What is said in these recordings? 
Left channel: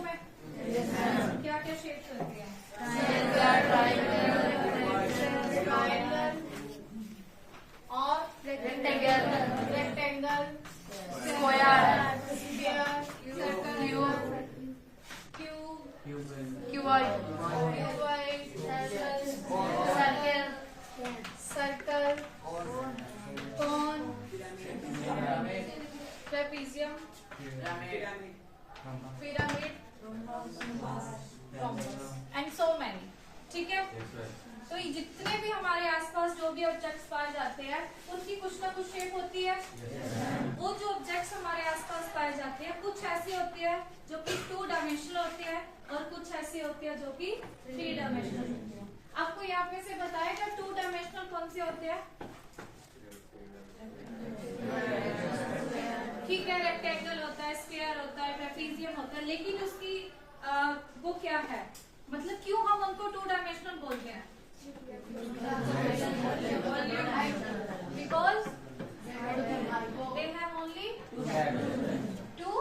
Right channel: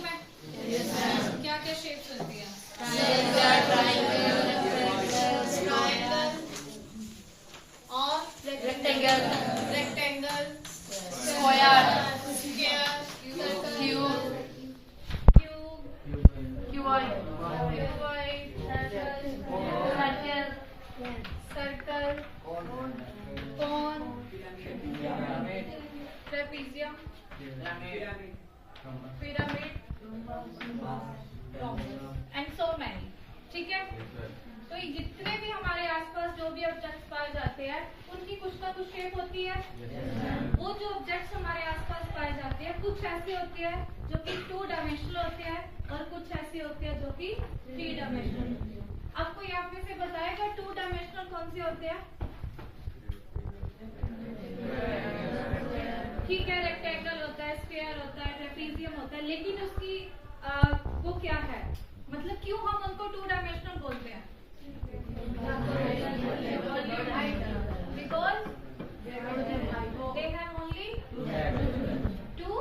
तुम्हें? क्या क्या शेप्स होती है? और rectangle, square, cuboid, circle, cone, trapezium, pyramid and so many. ठीक है, तो ये जितने भी हमारे आसपास जो भी ऑब्जेक्ट्स पाए जाते हैं उनकी कुछ ना कुछ शेप होती है। वो जो ऑब्जेक्ट्स हमारे आसपास पाए जाते हैं कुछ ऐसी होती है जो कि 2 डायमेंशनल होती है और कुछ ऐसी होती है जो कि 3 डायमेंशनल होती है। आपको यहाँ पे से बताएगा 2 डायमेंशनल कौन सी होती है? ठीक है, रेक्टेंगल होता है, स्फीयर होता है, ट्रेपेजियम होता है, लेकिन उसकी वो क्या है, मतलब क्यों हम उनको 2 डायमेंशनल बोलते हैं? Because they have only 2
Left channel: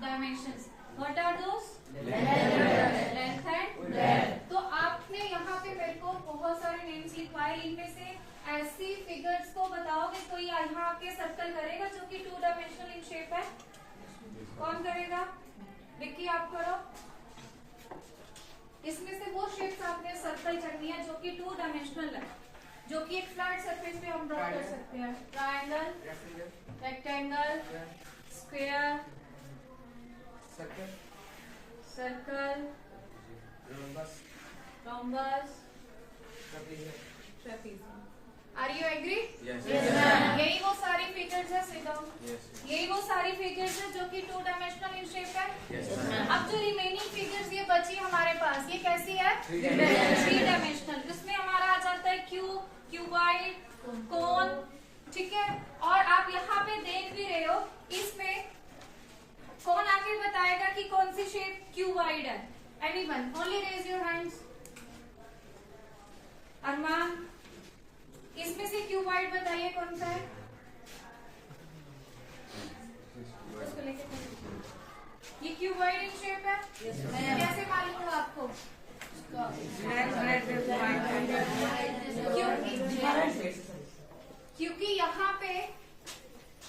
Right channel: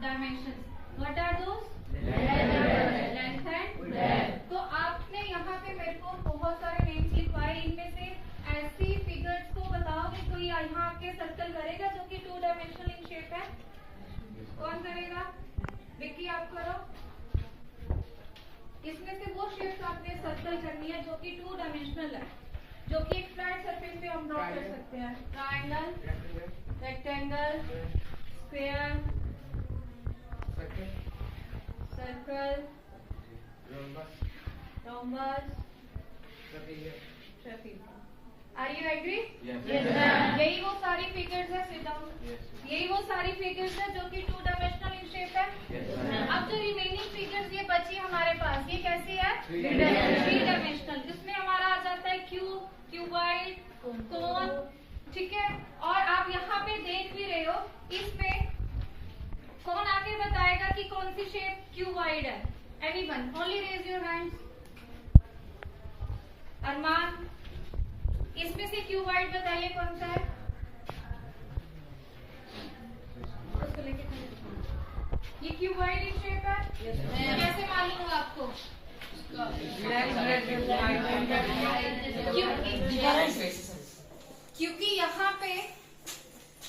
dimensions. What are those? Length and breadth. तो आपने यहाँ पे मेरे को बहुत सारे नेम्स लिखवाए, इनमें से ऐसी फिगर्स को बताओगे तो ये यहाँ आके सर्कल करेगा जो कि 2 डायमेंशनल इन शेप है। कौन करेगा? विक्की आप करो। इसमें से वो शेप्स आपने सर्कल करनी है जो कि 2 डायमेंशनल है, जो कि एक फ्लैट सरफेस पे हम ड्रॉ कर सकते हैं। Triangle, rectangle, square, circle, rhombus, trapezium. Are you agree? यही वो सारी फिगर्स है, सिट डाउन। यही वो सारी फिगर्स है जो कि 2 डायमेंशनल इन शेप है। अब जो रिमेनिंग फिगर्स ये बची हमारे पास, ये कैसी है? 3 डायमेंशनल। जिसमें हमारा आ जाता है क्यूब, क्यूबॉइड, कोन। ठीक है, और आप यहाँ पे देख भी रहे हो, इस पे कौन आके बताएगा कि कौन सी शेप क्यूबॉइड है? Anyone? Only raise your hands. Arman, इसमें से क्यूबॉइड बताइए कौन सा है? उसको लेके ये क्यूबॉइड इन शेप है। कैसे मालूम होगा आपको? क्योंकि यहाँ पे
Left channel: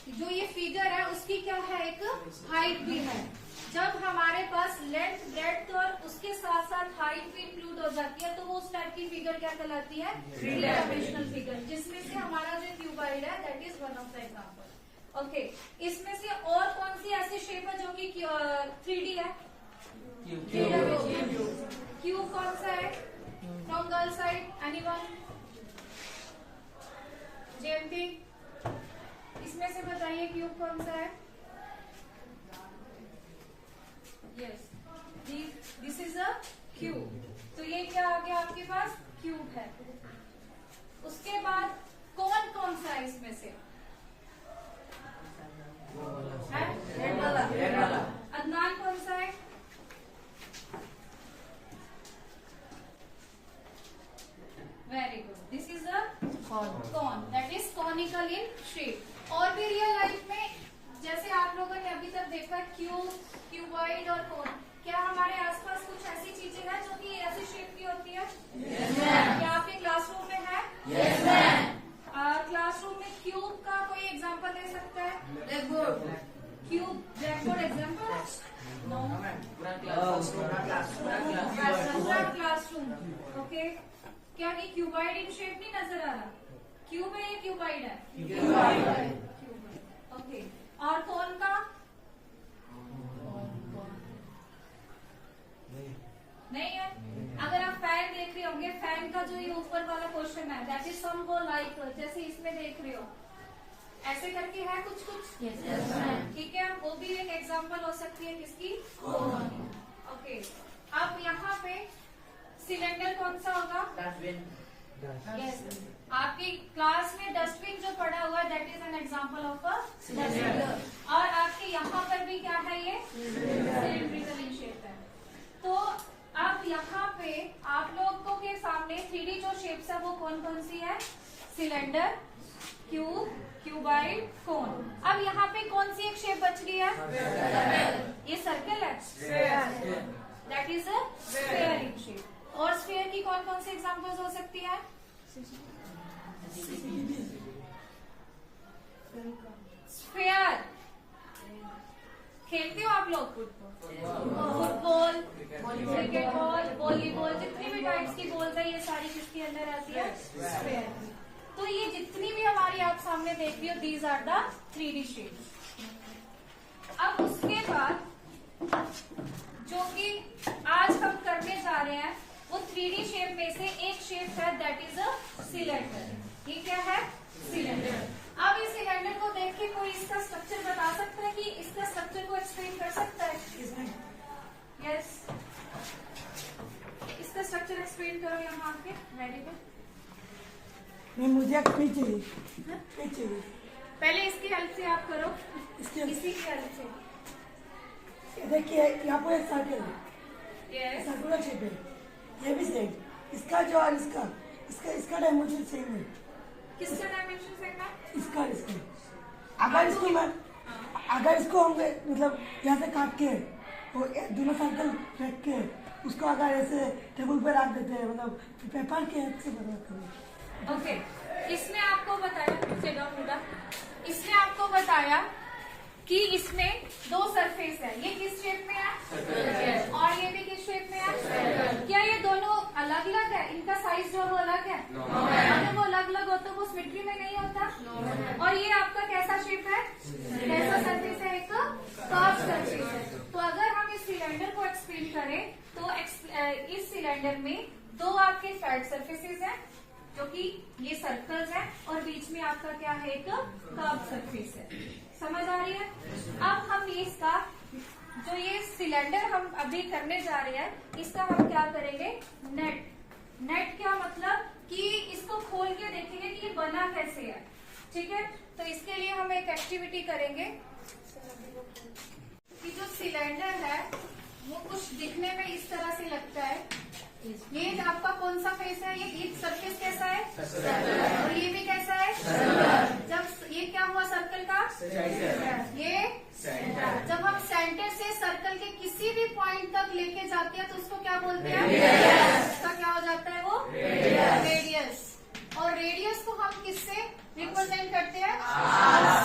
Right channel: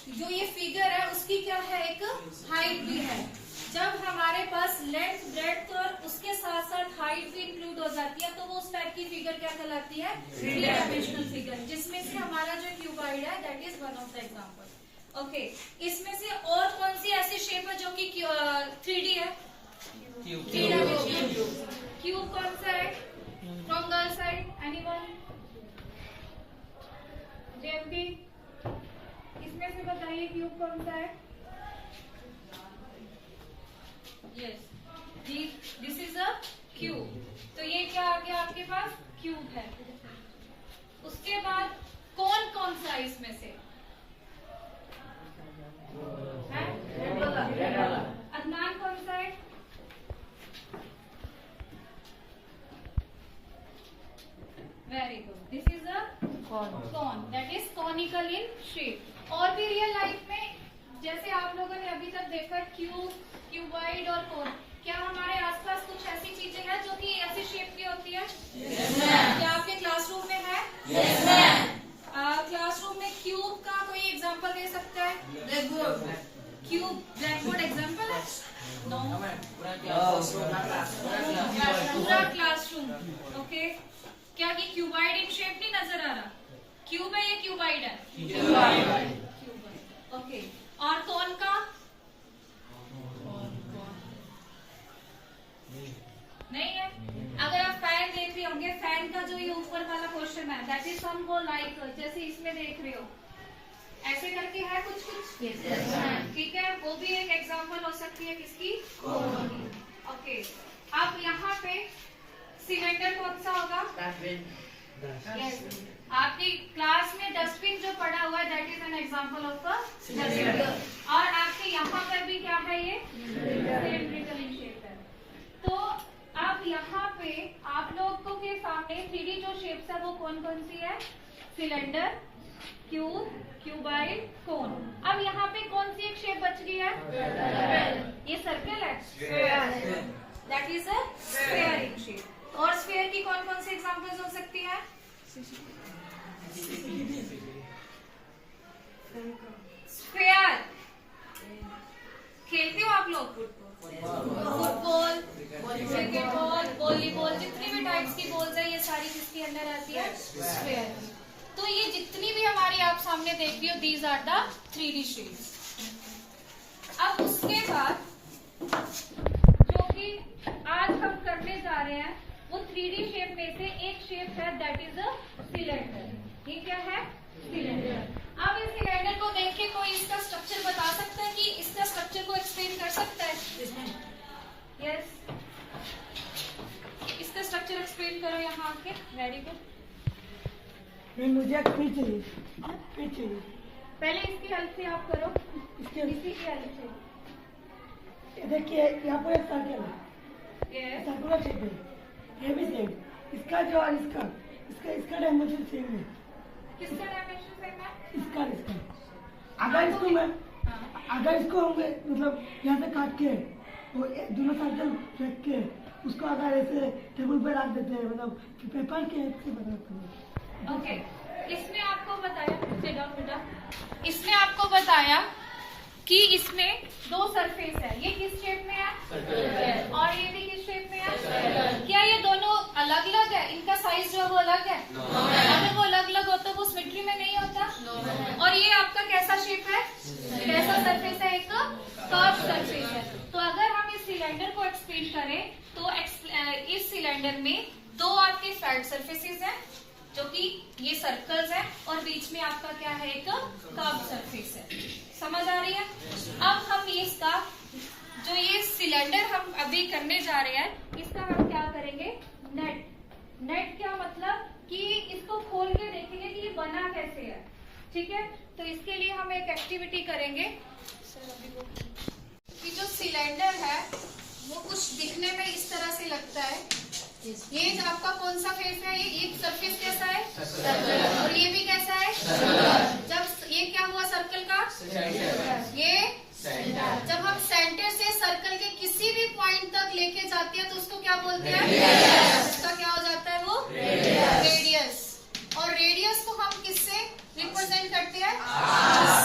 जो ये फिगर है उसकी क्या है, एक हाइट भी है। जब हमारे पास लेंथ, ब्रेड्थ और उसके साथ साथ हाइट भी इंक्लूड हो जाती है तो वो उस टाइप की फिगर क्या कहलाती है? 3 डायमेंशनल फिगर, जिसमें से हमारा जो क्यूबॉइड है that is one of the example. Okay, इसमें से और कौन सी ऐसी शेप है जो कि 3D है? क्यूब कौन सा है? From girl side, anyone? JMP, इसमें से बताइए क्यूब कौन सा है? Yes, this is a cube. तो ये क्या आ गया आपके पास? क्यूब है। उसके बाद कौन कौन सा है इसमें से? अदनान कौन सा है? Very good, this is a cone, that is conical in shape. और भी रियल लाइफ में जैसे आप लोगों ने अभी तक देखा क्यूब, क्यूबॉइड और कोन, क्या हमारे आसपास कुछ ऐसी चीजें हैं जो कि ऐसी शेप की होती है? क्या आपके क्लासरूम में है? क्लासरूम में क्यूब का कोई एग्जांपल दे सकता है? ब्लैकबोर्ड। क्यूब ब्लैकबोर्ड एग्जांपल है? नो, पूरा क्लासरूम। ओके, क्या ये क्यूबॉइड इन शेप नहीं नजर आ रहा? क्यूब है ये क्यूबॉइड है? ओके, और कोन का? नहीं है। अगर आप फैन देख रहे होंगे, फैन का जो ये ऊपर वाला पोर्शन है दैट इज सम को लाइक, जैसे इसमें देख रहे हो ऐसे करके है कुछ कुछ। ठीक है, वो भी एक एग्जांपल हो सकती है किसकी? ओके, अब यहाँ पे सिलेंडर कौन सा होगा? यस, आपकी क्लास में डस्टबिन जो पड़ा हुआ है that is an example of a cylinder. और आपके यहाँ पर भी क्या है? ये सिलेंड्रिकल इन शेप है। तो अब यहाँ पे आप लोगों के सामने 3D जो शेप्स है वो कौन कौन सी है? सिलेंडर, क्यूब, क्यूबॉइड, कोन। अब यहाँ पे कौन सी एक शेप बच गई है? ये सर्कल है। That is a sphere in shape. और स्फेयर की कौन कौन सी एग्जांपल्स हो सकती है? स्फेयर खेलते हो आप लोग? फुटबॉल, क्रिकेट बॉल, वॉलीबॉल, जितनी भी टाइप्स की बॉल्स है ये सारी किसके अंदर आती है? स्फेयर की। तो ये जितनी भी हमारी आप सामने देख रही हो, these are the 3D shapes. अब उसके बाद जो कि आज हम करने जा रहे हैं वो 3D शेप में से एक शेप है, दैट इज अ सिलेंडर। ये क्या है? सिलेंडर। अब इस सिलेंडर को देख के कोई इसका स्ट्रक्चर बता सकता है कि इसका स्ट्रक्चर को एक्सप्लेन कर सकता है? यस, इसका स्ट्रक्चर एक्सप्लेन करो यहाँ आके। Very good. मुझे पीछे चाहिए। पहले इसकी हेल्प से आप करो, इसी की हेल्प से। देखिए यहाँ पर एक सर्कल है, सर्कुलर शेप है, ये भी सेम। इसका जो और इसका डायमेंशन सेम है। किसका डायमेंशन सेम है? इसका अगर इसको हम मतलब यहाँ से काट के वो दोनों सर्कल रख के उसको अगर ऐसे टेबल पे रख देते हैं, मतलब पेपर के हेल्प से बनाते हैं। ओके, इसने आपको बताया, इसने आपको बताया कि इसमें दो सरफेस है। ये किस शेप में है? और ये भी किस शेप में है? क्या ये दोनों अलग अलग है? इनका साइज जो है वो अलग है? अगर वो अलग अलग हो तो वो सिमेट्री में नहीं होता। और ये आपका कैसा शेप है? कैसा सरफेस है? एक कर्व सरफेस है। तो अगर हम इस सिलेंडर को एक्सप्लेन करें तो इस सिलेंडर में दो आपके फ्लैट सरफेसेस हैं जो कि ये सर्कल्स है, और बीच में आपका क्या है? एक कर्व सरफेस है। समझ आ रही है? अब हम इसका जो ये सिलेंडर हम अभी करने जा रहे हैं, इसका हम क्या करेंगे? नेट क्या मतलब कि इसको खोल के देखेंगे कि ये बना कैसे है। ठीक है, तो इसके लिए हम एक एक्टिविटी करेंगे कि जो सिलेंडर है वो कुछ दिखने में इस तरह से लगता है। ये आपका कौन सा फेस है? ये सरफेस कैसा है? और ये भी कैसा है? जब ये क्या हुआ सर्कल का? ये जब हम सेंटर से सर्कल के किसी भी पॉइंट तक लेके जाते हैं तो उसको क्या बोलते हैं? उसका क्या हो जाता है? वो रेडियस। और रेडियस को हम किससे रिप्रेजेंट करते हैं?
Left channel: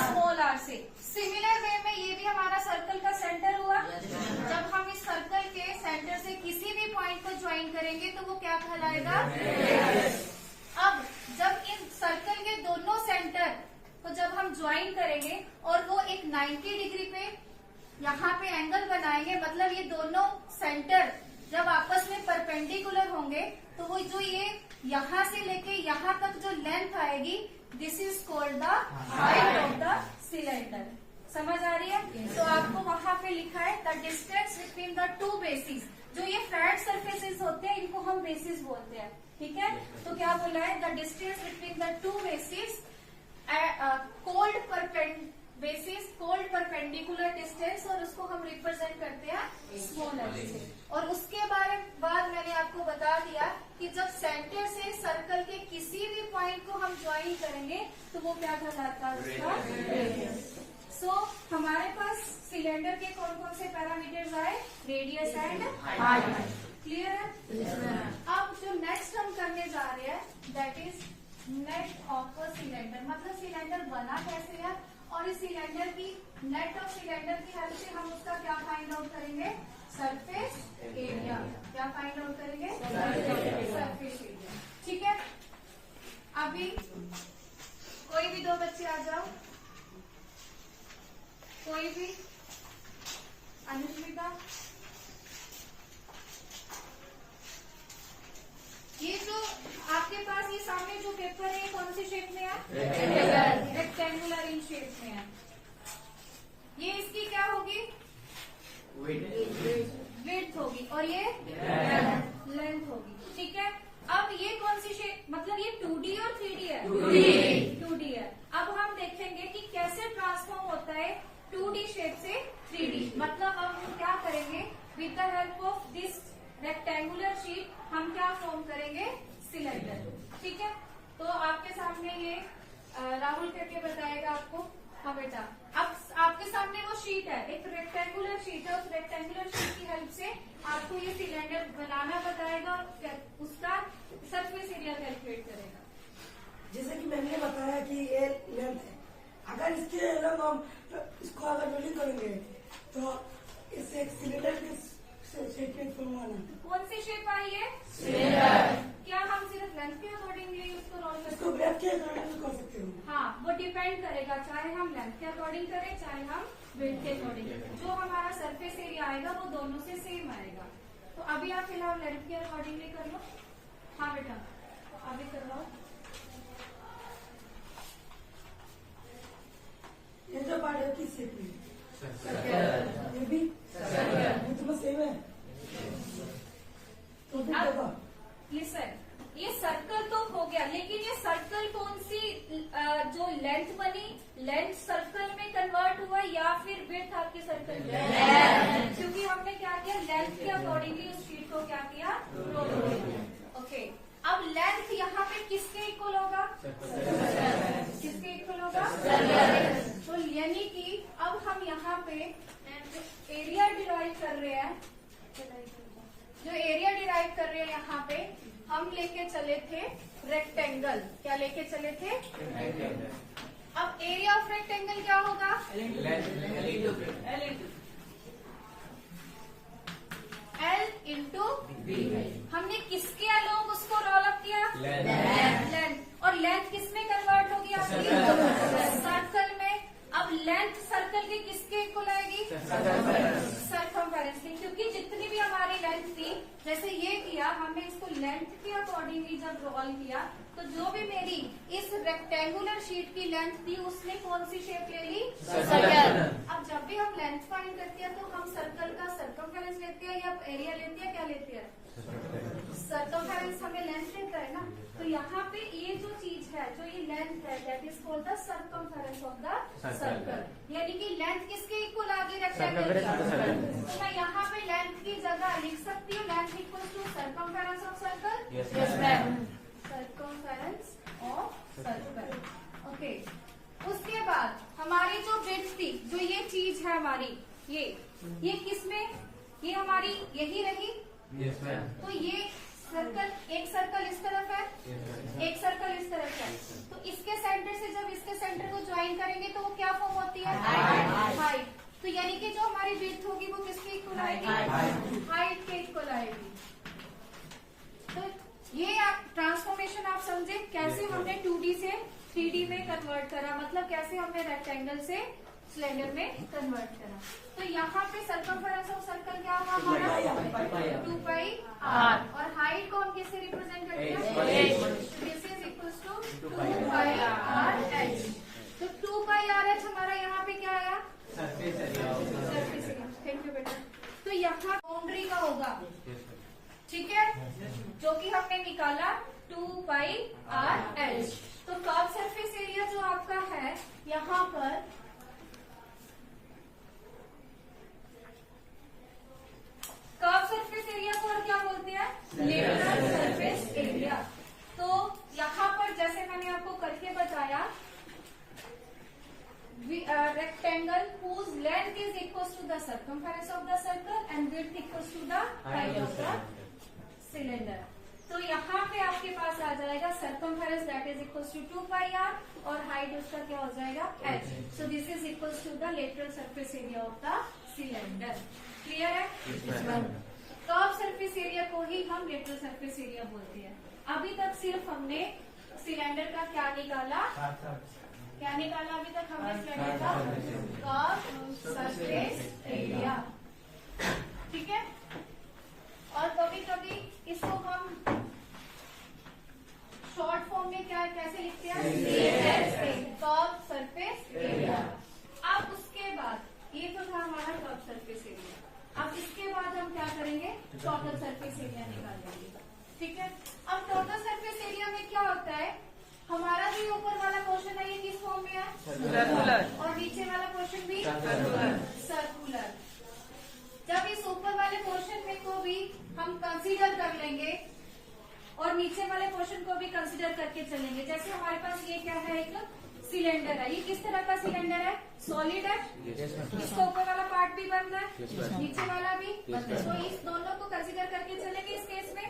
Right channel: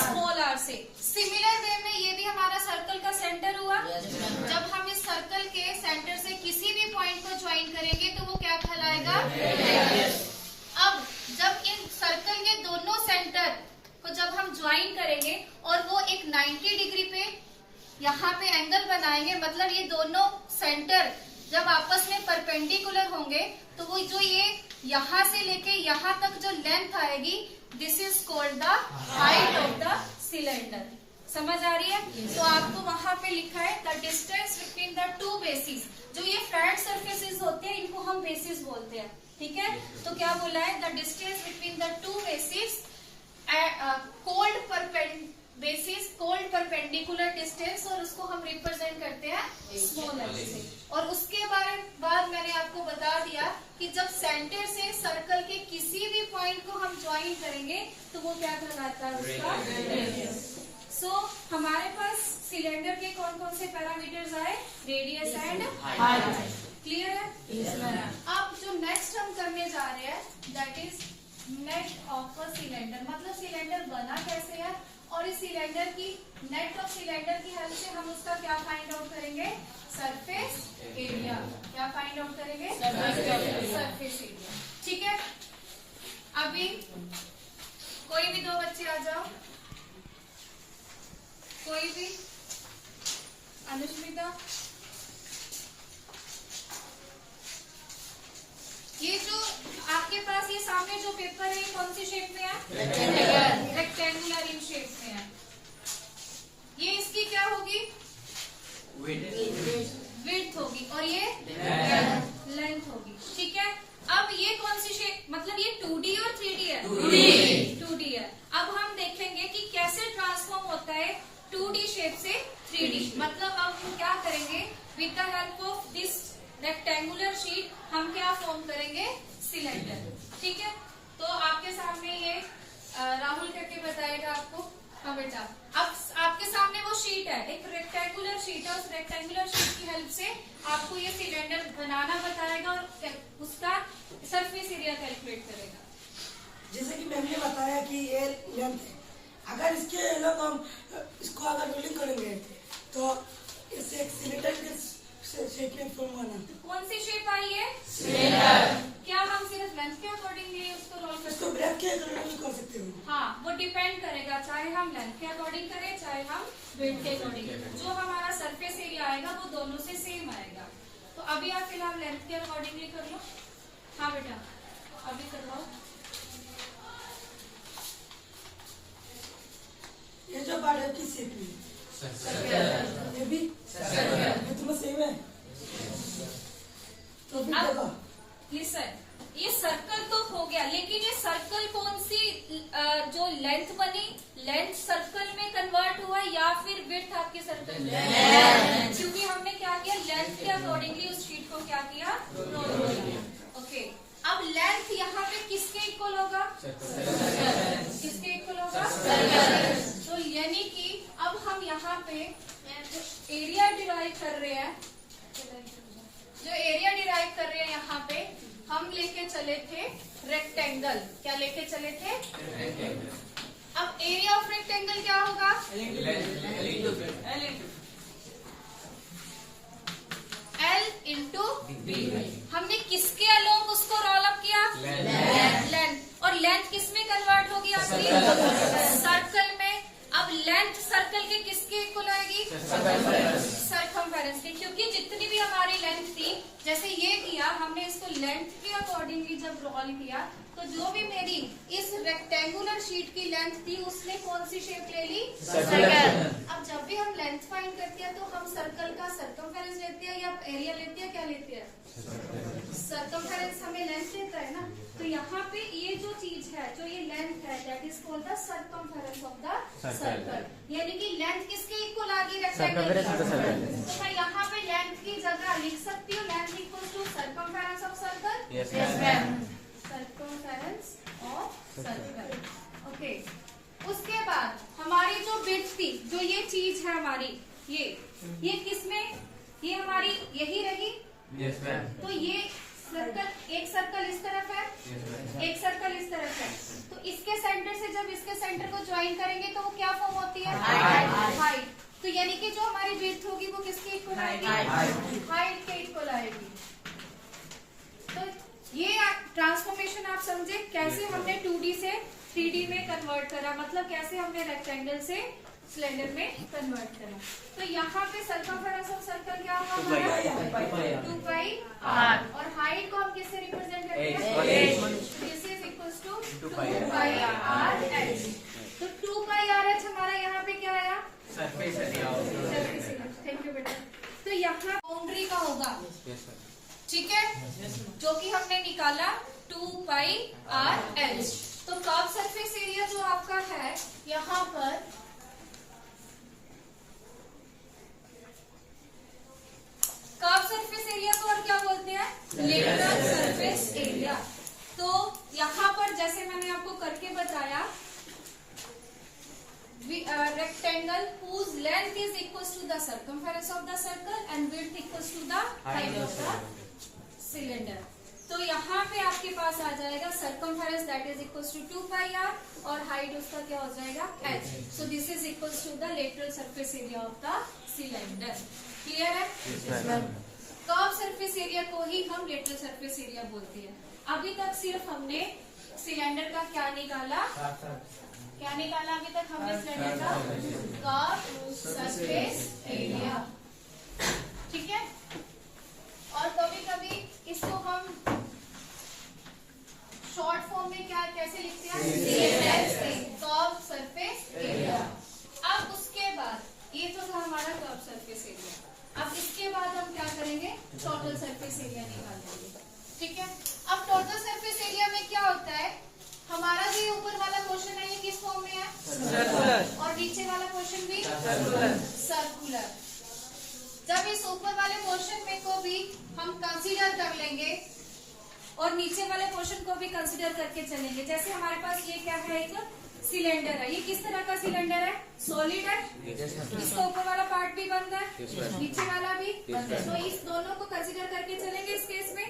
स्मॉल आर से। सिमिलर वे में ये भी हमारा सर्कल का सेंटर हुआ। जब हम इस सर्कल के सेंटर से किसी भी पॉइंट को ज्वाइन करेंगे तो वो क्या कहलाएगा? अब जब इन सर्कल के दोनों सेंटर को जब हम ज्वाइन करेंगे और वो एक 90 डिग्री पे यहाँ पे एंगल बनाएंगे, मतलब ये दोनों सेंटर जब आपस में परपेंडिकुलर होंगे तो वो जो ये यहाँ से लेके यहाँ तक जो लेंथ आएगी, this is called the height of the cylinder. समझ आ रही है? तो आपको वहां पे लिखा है the distance between the two basis. जो ये फ्लैट सरफेसेस होते हैं इनको हम बेसिस बोलते हैं। ठीक है, तो क्या बोला है? The distance between the two basis cold perpendicular distance, और उसको हम रिप्रेजेंट करते हैं स्मॉल एल से। और उसके बाद मैंने आपको बता दिया कि जब सेंटर से सर्कल के किसी भी पॉइंट को हम ज्वाइन करेंगे तो वो क्या कहलाता है? उसका रेडियस। सो हमारे पास सिलेंडर के कौन कौन से पैरामीटर्स आए? Radius and height. क्लियर है? अब जो नेक्स्ट हम करने जा रहे हैं that is net of a cylinder, मतलब सिलेंडर बना कैसे है, और इस सिलेंडर की नेट ऑफ सिलेंडर की हेल्प से हम उसका क्या फाइंड आउट करेंगे? Surface area. क्या फाइंड आउट करेंगे? Surface area. ठीक है, अभी कोई भी दो बच्चे आ जाओ, कोई भी। अनुष्मिता, ये जो आपके पास ये सामने जो पेपर है कौन सी शेप में है? रेक्टेंगुलर इन शेप में है। ये इसकी क्या होगी? विड्थ होगी, और ये लेंथ होगी। ठीक है, अब ये कौन सी शेप, मतलब ये 2D और 3D है? 2D है। अब हम देखेंगे कि कैसे ट्रांसफॉर्म होता है 2D शेप से 3D। मतलब अब हम क्या करेंगे? With the help of this rectangular sheet हम क्या फॉर्म करेंगे? सिलेंडर। ठीक है, तो आपके सामने ये राहुल करके बताएगा आपको। हाँ बेटा। अब आपके सामने वो शीट है, एक रेक्टेंगुलर शीट है, उस रेक्टेंगुलर शीट की हेल्प से आपको ये सिलेंडर बनाना बताएगा और उसका सरफेस एरिया कैलकुलेट करेगा। जैसे कि मैम ने बताया कि ये लेंथ है, अगर इसके अलग हम इसको अगर रोलिंग करेंगे तो इससे एक सिलेंडर के शेप में फॉर्म होना। कौन सी शेप आई है? सिलेंडर। क्या हम सिर्फ लेंथ के अकॉर्डिंगली उसको रोल कर इसको ब्रेथ के अकॉर्डिंग कर सकते हो। हाँ, वो डिपेंड करेगा, चाहे हम लेंथ के अकॉर्डिंग करें चाहे हम विड्थ के अकॉर्डिंग। जो हमारा सरफेस एरिया आएगा वो दोनों से सेम आएगा। तो अभी आप फिलहाल लेंथ के अकॉर्डिंगली कर लो। हाँ बेटा, अभी करवाओ। ये जो पार्ट है किस शेप में? ये भी ये तुम्हें सेम है। तो फिर देखो लिसन, ये सर्कल तो हो गया, लेकिन ये सर्कल कौन सी जो लेंथ बनी, लेंथ सर्कल में कन्वर्ट हुआ या फिर विड्थ आपके सर्कल में? क्योंकि हमने क्या किया, लेंथ के अकॉर्डिंगली उस शीट को क्या किया, रोल किया। ओके, अब लेंथ यहाँ पे किसके इक्वल होगा? किसके इक्वल होगा? तो यानी कि अब हम यहाँ पे एरिया डिराइव कर रहे हैं, जो एरिया डिराइव कर रहे हैं यहाँ पे हम लेके चले थे रेक्टेंगल। क्या लेके चले थे? अब एरिया ऑफ रेक्टेंगल क्या होगा? L into B. हमने किसके अलोंग उसको रोल अप किया? लेंथ। और लेंथ किस में कन्वर्ट होगी आपकी? सर्कल में। अब लेंथ सर्कल के किसके इक्वल आएगी? सर्कमफेरेंस की, क्योंकि जितनी भी हमारी लेंथ थी, जैसे ये किया हमने इसको लेंथ के अकॉर्डिंगली जब रोल किया तो जो भी मेरी इस रेक्टेंगुलर शीट की लेंथ थी उसने कौन सी शेप ले ली? सर्कल। अब जब भी हम लेंथ फाइंड करते हैं तो हम सर्कल का सर्कमफेरेंस लेते हैं या एरिया लेते हैं? क्या लेते हैं? सर्कमफेरेंस हमें लेंथ देता है ना। तो यहाँ पे ये जो चीज है, जो ये लेंथ है, that is called the circumference of the circle. यानी कि लेंथ किसके इक्वल आ गई? रेक्टेंगल की। तो मैं यहाँ पे लेंथ की जगह लिख सकती हूँ length equal to circumference of circle. Yes ma'am, circumference of circle. Okay, उसके बाद हमारी जो विड्थ थी, जो ये चीज है हमारी, ये किसमें, ये हमारी यही रही। Yes ma'am. तो ये सर्कल, एक सर्कल इस तरफ है, एक सर्कल इस तरफ है, तो इसके सेंटर से जब इसके सेंटर को ज्वाइन करेंगे तो वो क्या फॉर्म होती है? हाइट। तो यानी कि जो हमारी विड्थ होगी वो किसके इक्वल आएगी? हाइट के इक्वल आएगी। तो ये ट्रांसफॉर्मेशन आप समझे कैसे हमने 2D से 3D में कन्वर्ट करा, मतलब कैसे हमने रेक्टेंगल से सिलेंडर में कन्वर्ट करा। तो यहाँ पे सर्कमफेरेंस ऑफ सर्कल क्या हुआ हमारा? 2 पाई आर। और हाइट को हम किससे रिप्रेजेंट करते हैं? This is equals to 2 pi R H. तो 2 पाई आर एच हमारा यहाँ पे क्या आया? Surface area. थैंक यू बेटा। तो यहाँ बाउंड्री का होगा, ठीक है, जो कि हमने निकाला 2 पाई आर एच। तो कर्व सरफेस एरिया जो आपका है यहाँ पर, कर्व सरफेस एरिया को और क्या बोलते हैं? Lateral surface area. तो यहाँ पर जैसे मैंने आपको करके बताया, rectangle whose length is equals to the circumference of the circle and width equals to the height of the cylinder. तो यहाँ पे आपके पास आ जाएगा circumference that is equals to 2 pi r और height उसका क्या हो जाएगा? h. So this is equals to the lateral surface area of the cylinder. Clear है? कर्व सरफेस एरिया को ही हम लेटरल सरफेस एरिया बोलते हैं। अभी तक सिर्फ हमने सिलेंडर का क्या निकाला? क्या निकाला अभी तक हमने सिलेंडर का? कर्व सरफेस एरिया, ठीक है। और कभी कभी इसको हम शॉर्ट फॉर्म में क्या कैसे लिखते हैं? Curve surface area. अब उसके बाद ये तो था हमारा कर्व सरफेस एरिया। अब इसके बाद हम क्या करेंगे? टोटल सरफेस एरिया निकाल देंगे, ठीक है। अब टोटल सरफेस एरिया में क्या होता है? हमारा जो ऊपर वाला पोर्शन है ये किस फॉर्म में है? सर्कुलर। और नीचे वाला पोर्शन भी सर्कुलर। जब इस ऊपर वाले पोर्शन में को भी हम कंसीडर कर लेंगे और नीचे वाले पोर्शन को भी कंसीडर करके चलेंगे। जैसे हमारे पास ये क्या है? एक सिलेंडर है। ये किस तरह का सिलेंडर है? सॉलिड है। इसका ऊपर वाला पार्ट भी बंद है, नीचे वाला भी। तो इस दोनों को कंसीडर करके चलेंगे इस केस में,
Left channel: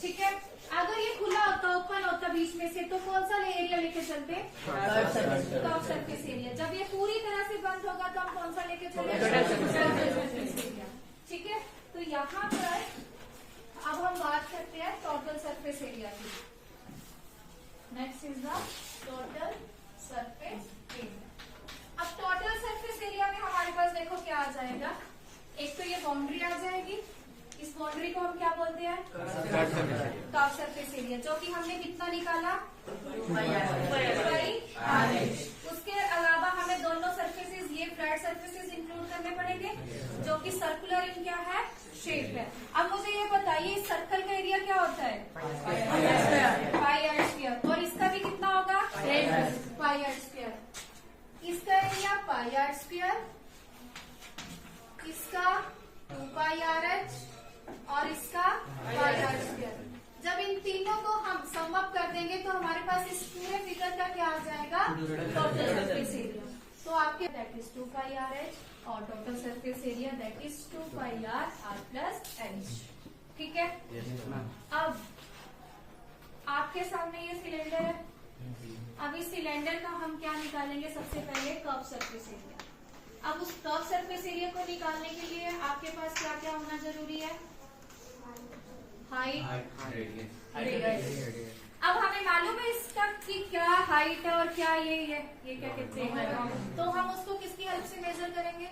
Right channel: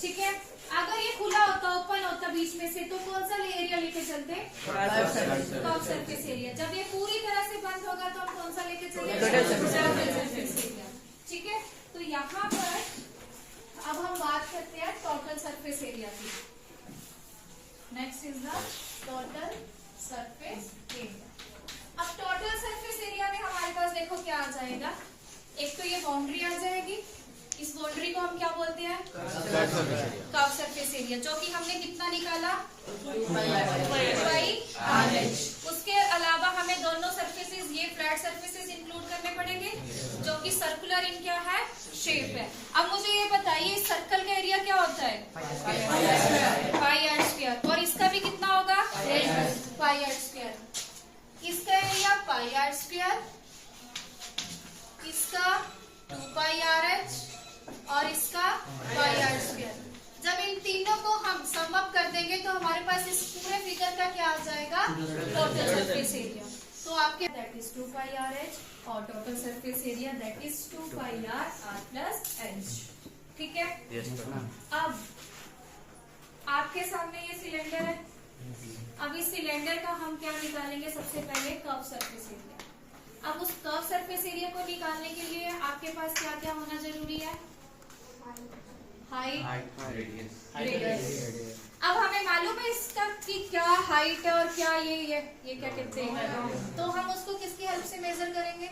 ठीक है। अगर ये खुला होता, ओपन होता बीच में से, तो कौन सा एरिया लेके चलते? Curve surface area. जब ये पूरी तरह से बंद होगा तो हम कौन सा लेके चलेंगे? सरफेस एरिया, ठीक है। तो यहाँ पर अब हम बात करते हैं टोटल सरफेस एरिया की। Next is the total surface area. अब टोटल सरफेस एरिया में हमारे पास देखो क्या आ जाएगा। एक तो ये बाउंड्री आ जाएगी, इस बाउंड्री को हम क्या बोलते हैं? कर्व सरफेस एरिया, जो कि हमने कितना निकाला? 2πr। उसके अलावा हमें दोनों सरफेसेस, ये फ्लैट सरफेसेस इंक्लूड करने पड़ेंगे, जो कि सर्कुलर इन क्या है? शेप है। अब मुझे ये बताइए, इस सर्कल का एरिया क्या होता है? πr²। और इसका भी कितना होगा? πr²। इसका एरिया πr², इसका 2πrh और इसका πr²। जब इन तीनों को हम सम अप कर देंगे तो हमारे पास इस पूरे फिगर का क्या आ जाएगा? Total surface area. तो आपके दैट इज 2πrh और total surface area that is 2πr+h, ठीक है। अब आपके सामने ये सिलेंडर है। अब इस सिलेंडर का हम क्या निकालेंगे? सबसे पहले कर्व सरफेस एरिया। अब उस कर्व सरफेस एरिया को निकालने के लिए आपके पास क्या क्या होना जरूरी है? Height, radius. अब हमें मालूम है इसका कि क्या हाइट है और क्या ये क्या कहते हैं, तो हम उसको किसकी हेल्प से मेजर करेंगे?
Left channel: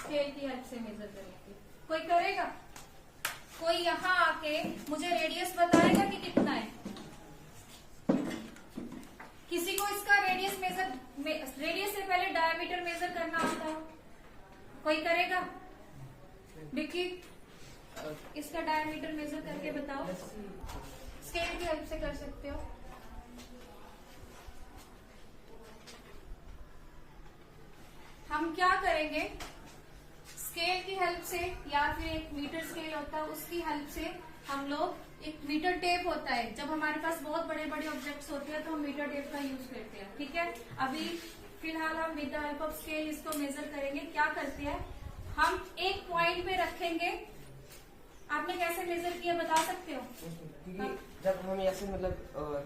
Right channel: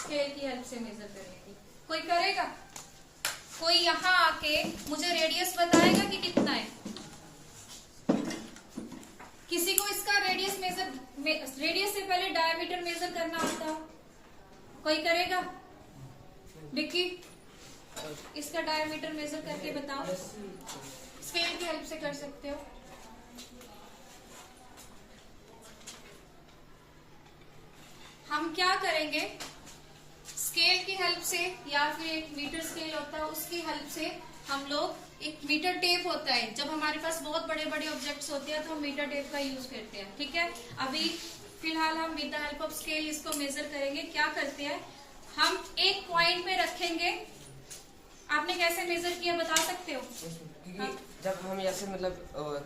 स्केल की हेल्प से मेजर करेंगे। कोई करेगा? कोई यहाँ आके मुझे रेडियस बताएगा कि कितना है? किसी को इसका रेडियस रेडियस से पहले डायमीटर मेजर करना आता हो? कोई करेगा? विक्की, इसका डायमीटर मेजर करके बताओ। स्केल की हेल्प से कर सकते हो। हम क्या करेंगे? स्केल की हेल्प से, या फिर एक मीटर स्केल होता है उसकी हेल्प से हम लोग, एक मीटर टेप होता है, जब हमारे पास बहुत बड़े बड़े ऑब्जेक्ट्स होते हैं तो हम मीटर टेप का यूज करते हैं, ठीक है। अभी फिलहाल हम with the help of scale इसको मेजर करेंगे। क्या करते हैं हम? एक पॉइंट पे रखेंगे। आपने कैसे मेजर किया बता सकते हो? क्योंकि जब हम ऐसे मतलब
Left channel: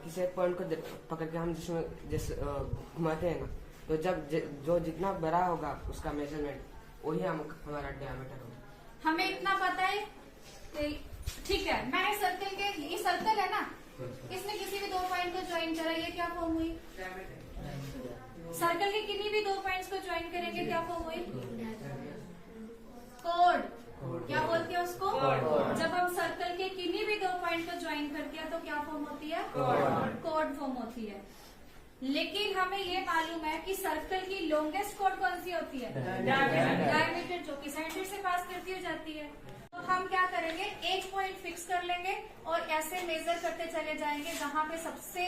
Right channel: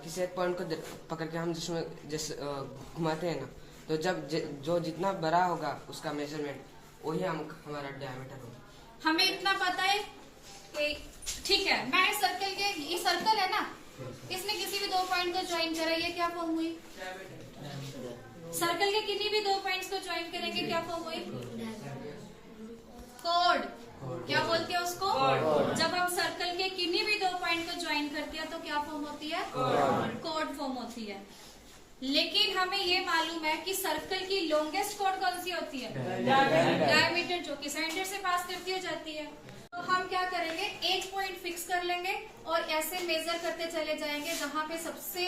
किसी एक पॉइंट को पकड़ के हम जिसमें जैसे घुमाते हैं ना, तो जब जो जितना बड़ा होगा उसका मेजरमेंट, वही हमारा डायमीटर होगा। हमें इतना पता है कि ठीक है, मैंने सर्कल के, ये सर्कल है ना, इसने किसी भी दो पॉइंट को ज्वाइन करा, ये क्या फॉर्म हुई? सर्कल के किन्हीं भी दो पॉइंट्स को ज्वाइन करेंगे क्या फॉर्म हुई? कोड। क्या बोलते हैं उसको? जब हम सर्कल के किन्हीं भी दो पॉइंट को ज्वाइन करते हैं तो क्या फॉर्म होती है? कोड फॉर्म होती है। लेकिन हमें ये मालूम है कि सर्कल की लॉन्गेस्ट कोड कौन सी होती है? डायमीटर, जो कि सेंटर से पास करती जाती है। तो हम क्या करेंगे? एक पॉइंट फिक्स कर लेंगे और ऐसे मेजर करते चले जाएंगे, जहाँ पे सबसे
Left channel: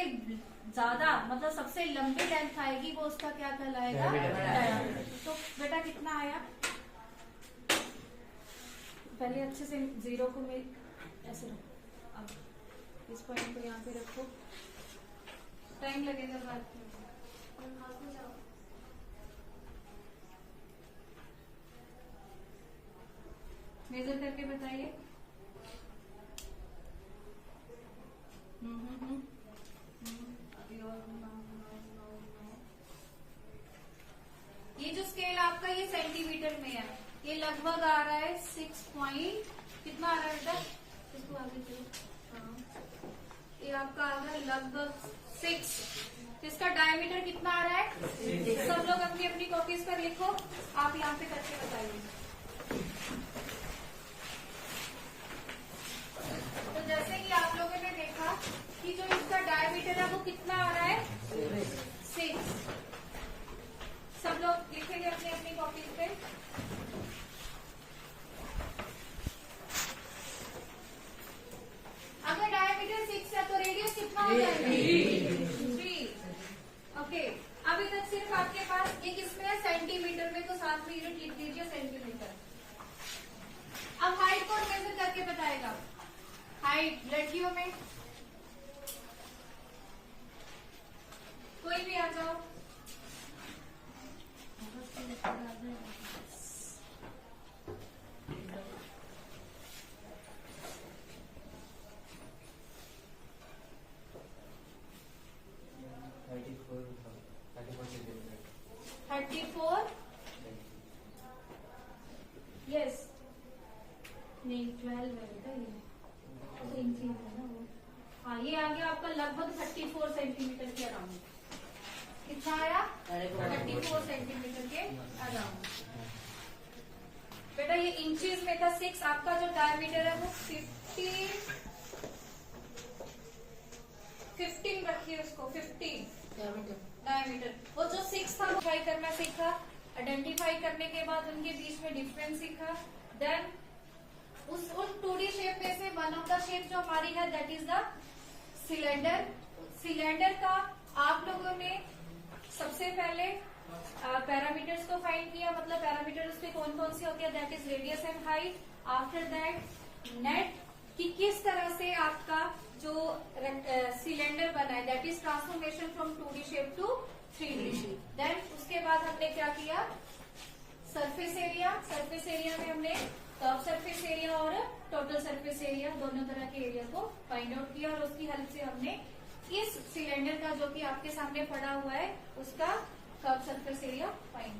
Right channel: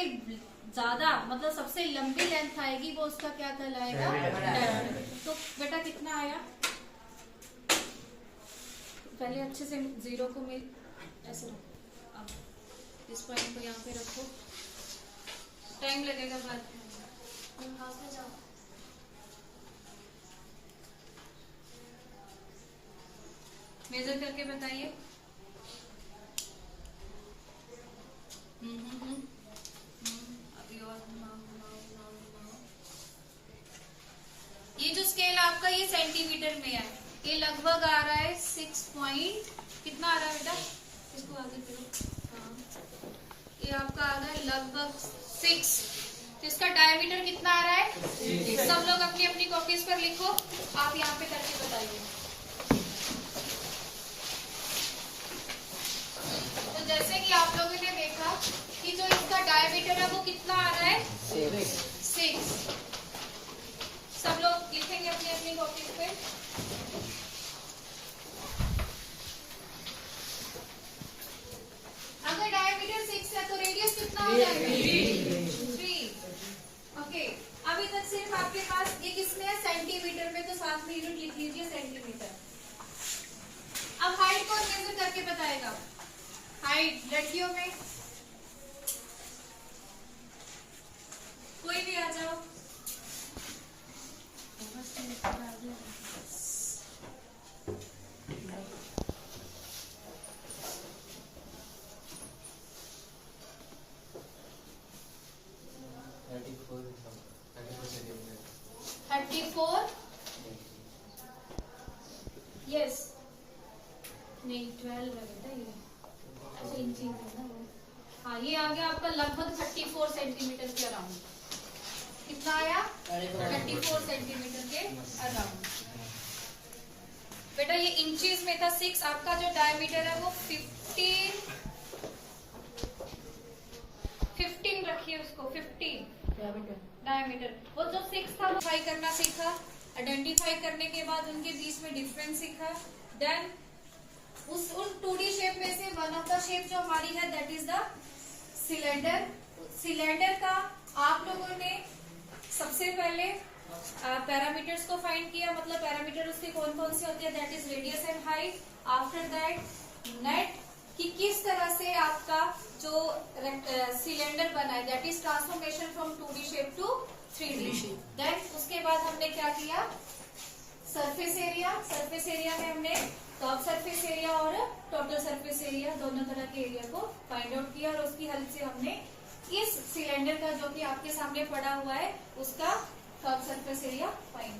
ज्यादा मतलब सबसे लंबी लेंथ आएगी वो उसका क्या कहलाएगा? डायमीटर। तो बेटा कितना आया? पहले अच्छे से जीरो को ऐसे रखो। अब इस पॉइंट को यहाँ पे रखो, टाइम लगेगा बाद में। जाओ। मेजर करके बताइए। अभी और घुमाओ। ये जो स्केल आपका ये सेंटीमीटर में है, ये लगभग आ रहा है 6 पॉइंट, कितना आ रहा है बेटा? इसको आगे करो। हाँ, ये आपका आ रहा है लगभग 6। तो इसका डायमीटर कितना आ रहा है? सब लोग अपनी अपनी कॉपीज पर लिखो, आप यहाँ पे करके बताइए। तो जैसे कि आप लोगों ने देखा कि जो इसका डायमीटर है वो कितना आ रहा है? 6। सब लोग लिखेंगे अपनी अपनी कॉपीज पे। अगर डायमीटर 6 है तो रेडियस कितना हो जाएगा? 3। ओके, अभी तक सिर्फ आपके पास ये किसमें है? सेंटीमीटर में, तो साथ में यूनिट लिख लीजिए सेंटीमीटर। अब हाइट कौन मेजर करके बताएगा? हाइट लड़कियों में कोई भी आ जाओ। थर्टी फोर यस नहीं 12 है बेटा ये। अच्छा इंची है ना वो। हाँ ये आ गया आपका लगभग 34 सेंटीमीटर के अराउंड। कितना आया 34 सेंटीमीटर के अराउंड। बेटा ये इंचेस में था 6। आपका जो डायमीटर है वो 15 रखिए उसको 15 डायमीटर। वो जो 6 था वो ट्राई करना सीखा। आइडेंटिफाई करने के बाद उनके बीच में डिफरेंस सीखा। देन उस 2D शेप में से वन ऑफ द शेप जो हमारी है that is the cylinder. Cylinder का आप लोगों ने सबसे पहले पैरामीटर्स को फाइंड किया, मतलब पैरामीटर उसके कौन कौन से होते हैं, that is radius and height. After that net कि किस तरह से आपका जो सिलेंडर बना है that is transformation from 2D shape to 3D shape. Then उसके बाद हमने क्या किया, सरफेस एरिया। सरफेस एरिया में हमने कर्व सरफेस एरिया और टोटल सरफेस एरिया दोनों तरह के एरिया को फाइंड आउट किया और उसकी हेल्प से हमने इस सिलेंडर का जो कि आपके सामने पड़ा हुआ है उसका कर्व सरफेस एरिया फाइंड